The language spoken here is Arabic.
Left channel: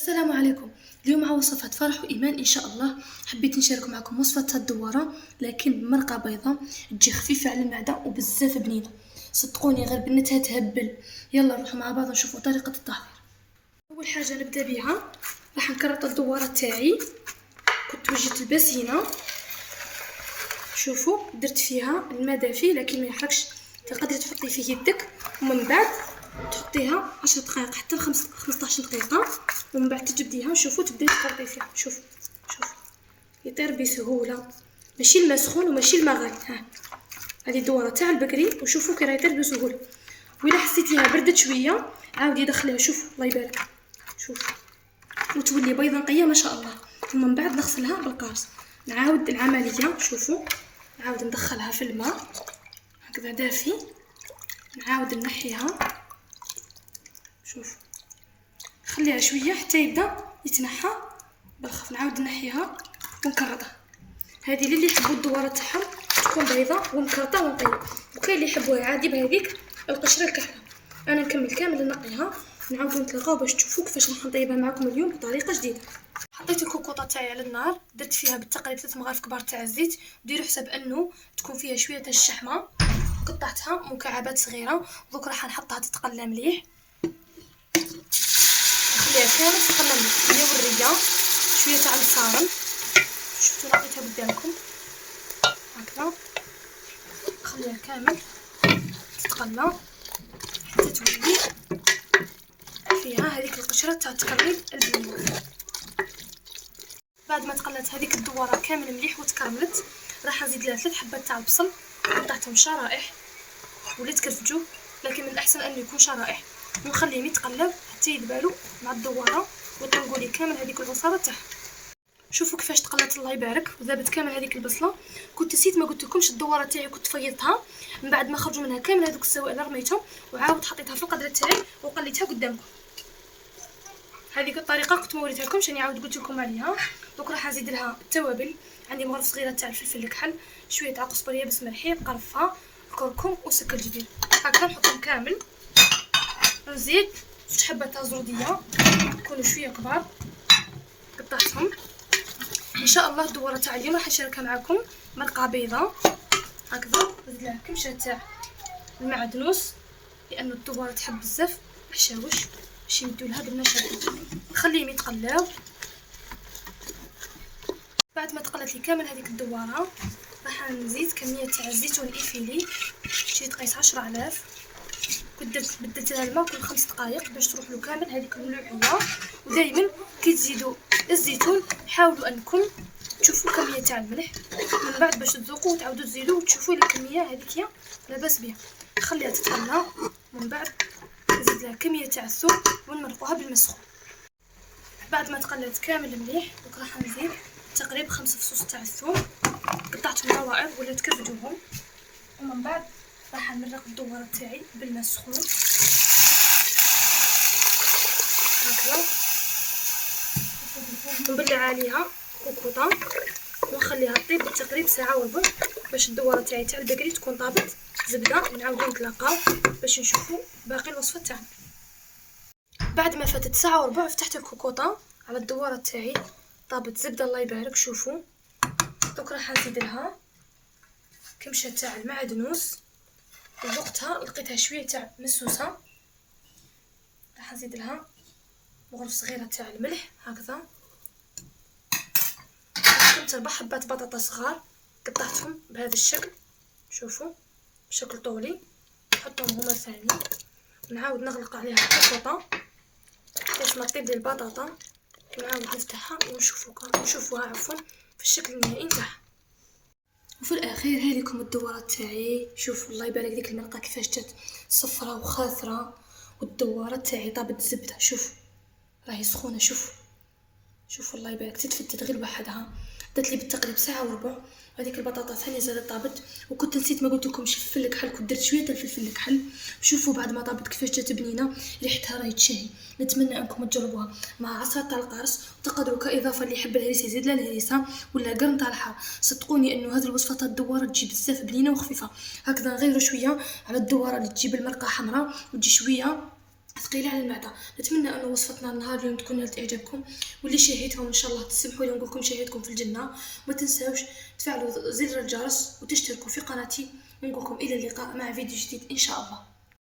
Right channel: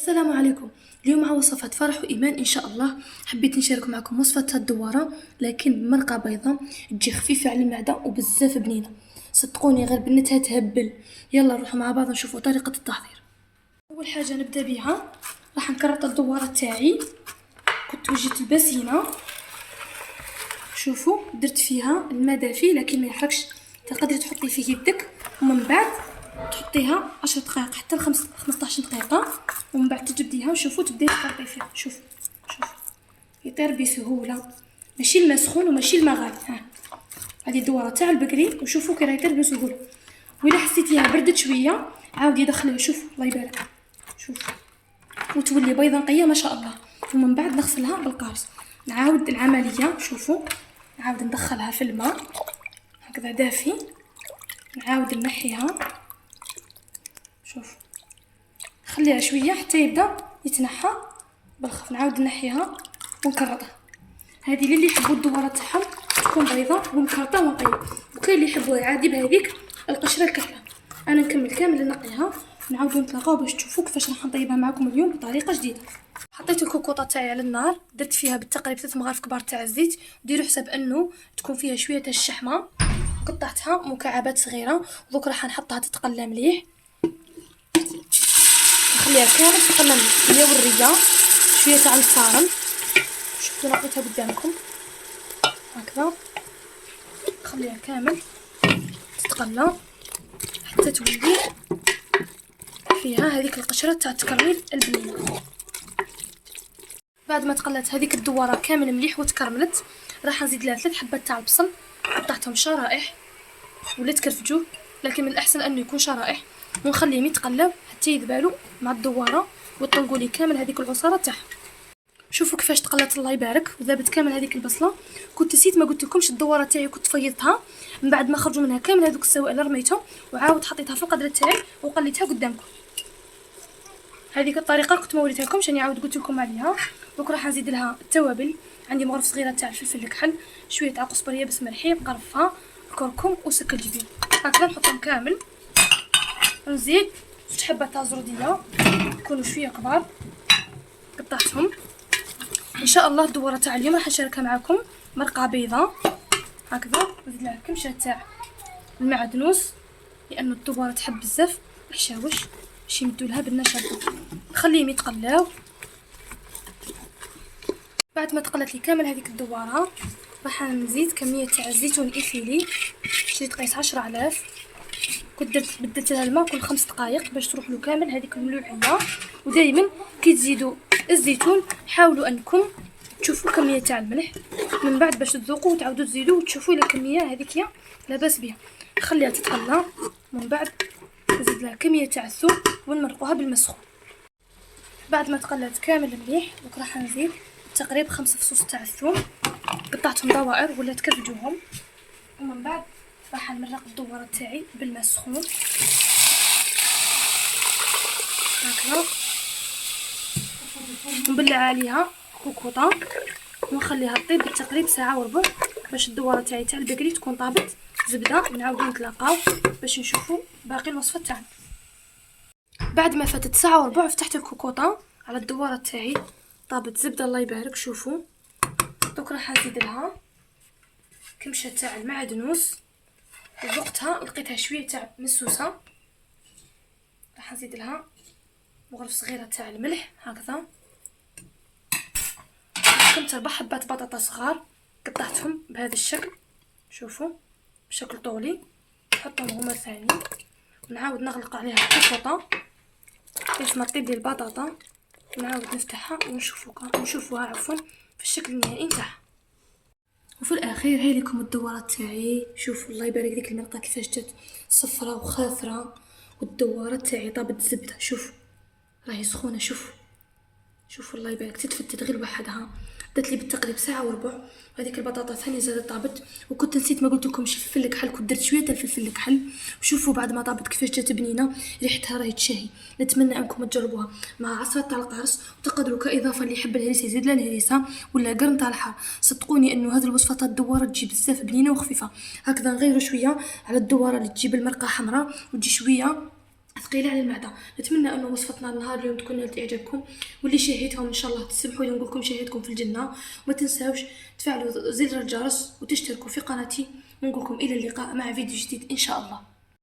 السلام عليكم. اليوم مع وصفة فرح وإيمان إن شاء الله. حبيت نشارك معكم وصفة الدوارة لكن بمرقة بيضاء تجي خفيفة على المعدة وبزاف بنينة، صدقوني غير بنتها تهبل. يلا نروحوا مع بعض نشوفوا طريقة التحضير. أول حاجة نبدأ بها راح نكرط الدوارة تاعي. كنت وجدت الباسينة، شوفوا درت فيها الماء دافي لكن ما يحرقش، تقدري تحطي فيه يدك ومن بعد تحطيها 10 دقائق حتى 15 دقيقة ومن بعد تجبديها وشوفوا تبداي تخلطي فيها. شوف يطير بسهولة، ماشي الماء سخون وماشي الماء غالي. ها هذه الدوارة تاع البقري وشوفوا كي راه يطير بسهولة. وإلا حسيتيها بردت شوية عاودي دخليها، شوف الله يبارك، شوف وتولي بيضة نقية ما شاء الله. ومن بعد نغسلها بالقارص. نعاود العملية، شوفوا نعاود ندخلها في الماء هكذا دافي، نعاود نحيها، شوف خليها شويه حتى يبدا يتنحى بالخف، نعاود نحيها ونكرطها. هذه اللي يحبوا الدواره تاعهم تكون بيضاء ومكرطه ونقيه، وكاين اللي يحبوها عادي بهذيك القشره الكحله. انا نكمل كامل نقيها، نعاود نتلاقاو باش تشوفوا كيفاش راح نطيبها معكم اليوم بطريقه جديده. حطيت الكوكوطه تاعي على النار، درت فيها بالتقريب 3 مغارف كبار تاع الزيت، وديروا حساب انه تكون فيها شويه تاع الشحمه، قطعتها مكعبات صغيره ودوك راح نحطها تتقلى مليح، نخليها كامل تتقلى هي والريه شويه تاع الصارم. شفتوا لقيتها قدامكم هكذا، نخليها كامل تتقلى حتى تولي فيها هذيك القشره تاع التكرميل البنينه. بعد ما تقلات هذيك الدواره كامل مليح وتكرملت، راح نزيد لها 3 حبات تاع البصل، قطعتهم شرائح ولا تكرفجوا، لكن من الاحسن انه يكون شرائح، ونخليهم يتقلب حتى يذبالوا مع الدواره ويطلقوا لي كامل هذيك البصله تاعها. شوفوا كيفاش تقلات الله يبارك وذابت كامل هذيك البصله. كنت نسيت ما قلت لكمش الدواره تاعي كنت فيضتها من بعد ما خرجوا منها كامل هذوك السوائل اللي رميتهم، وعاود حطيتها في القدر تاعي وقليتها قدامكم. هذيك الطريقه كنت ما وريتها لكمش، راني عاود قلت لكم عليها. دوك راح نزيد لها التوابل، عندي مغرف صغيره تاع الفلفل الكحل، شويه تاع قزبريه بس ملحي، قرفه، كركم وسكرجبين، هكذا نحطهم كامل. نزيد 6 حبات تاع زروديه يكونوا شويه كبار، قطعتهم. ان شاء الله الدوره تاع اليوم راح نشاركها معكم مرقه بيضاء هكذا، نزيد لها كمشه تاع المعدنوس لانه الدوره تحب بزاف الحشاوش باش يمدوا لها بالنشا، نخليهم يتقلاو. بعد ما تقلت لي كامل هذيك الدواره راح نزيد كميه تاع الزيتون الافيلي، شريت قيس 10,000، كنت بدلت لها الماء كل 5 دقائق باش تروح له كامل هذيك الملوحيه. ودائما كي تزيدوا الزيتون حاولوا انكم تشوفوا كميه تاع الملح من بعد باش تذوقوا وتعاودوا تزيدوا وتشوفوا الى كميه هذيك لاباس بها. خليها تتقلى، من بعد نزيد لها كميه تاع الثوم ونمرقوها بالماء السخون. بعد ما تقلات كامل مليح دوك راح نزيد تقريبا 5 فصوص تاع الثوم، قطعتهم دوائر ولا تكرفجوهم، ومن بعد راح نمرق الدواره تاعي بالماء السخون هكذا، نبلع عليها كوكوطه ونخليها طيب بالتقريب ساعه وربع باش الدواره تاعي تاع البقري تكون طابت زبده. نعاودو نتلاقاو باش نشوفوا باقي الوصفه تاعنا. بعد ما فاتت ساعه وربع فتحت الكوكوطه على الدواره تاعي، طابت زبده الله يبارك. شوفوا دوك راح نزيد لها كمشه تاع المعدنوس، وذقتها لقيتها شويه تاع مسوسه، راح نزيد لها مغرف صغيره تاع الملح هكذا، كنت 4 حبات بطاطا صغار قطعتهم بهذا الشكل، شوفوا بشكل طولي، نحطهم هما ثاني، ونعاود نغلق عليها الكوكوطه باش ما تطيب لي البطاطا، نعاود نفتحها ونشوفوها عفوا في الشكل النهائي نتاعها. وفي الاخير هاي لكم الدواره تاعي. شوفوا الله يبارك ديك المرقه كيفاش جات صفرة وخاثره، والدواره تاعي طابت الزبده، شوف راهي سخونه، شوفوا الله يبارك تتفتت غير وحدها. درت لي بالتقريب ساعه وربع، هذيك البطاطا ثاني زادت طابت. وكنت نسيت ما قلت لكمش الفلفل الكحل، كنت درت شويه تاع الفلفل الكحل. شوفوا بعد ما طابت كيفاش جات بنينه، ريحتها راهي تشهي. نتمنى انكم تجربوها مع عصره تاع القرص، وتقدروا كاضافه اللي يحب الهريسه يزيد لها الهريسه ولا قرن تاع الحار. صدقوني انه هذه الوصفه تاع الدواره تجي بزاف بنينه وخفيفه. هكذا نغيروا شويه على الدواره اللي تجيب المرقه حمراء وتجي شويه ثقيله على المعده. نتمنى ان وصفتنا النهار اليوم تكون نالت اعجابكم، واللي شاهدتهم ان شاء الله تسمحوا لي نقول لكم شاهدكم في الجنه. وما تنساوش تفعلوا زر الجرس وتشتركوا في قناتي، ونقول لكم الى اللقاء مع فيديو جديد ان شاء الله.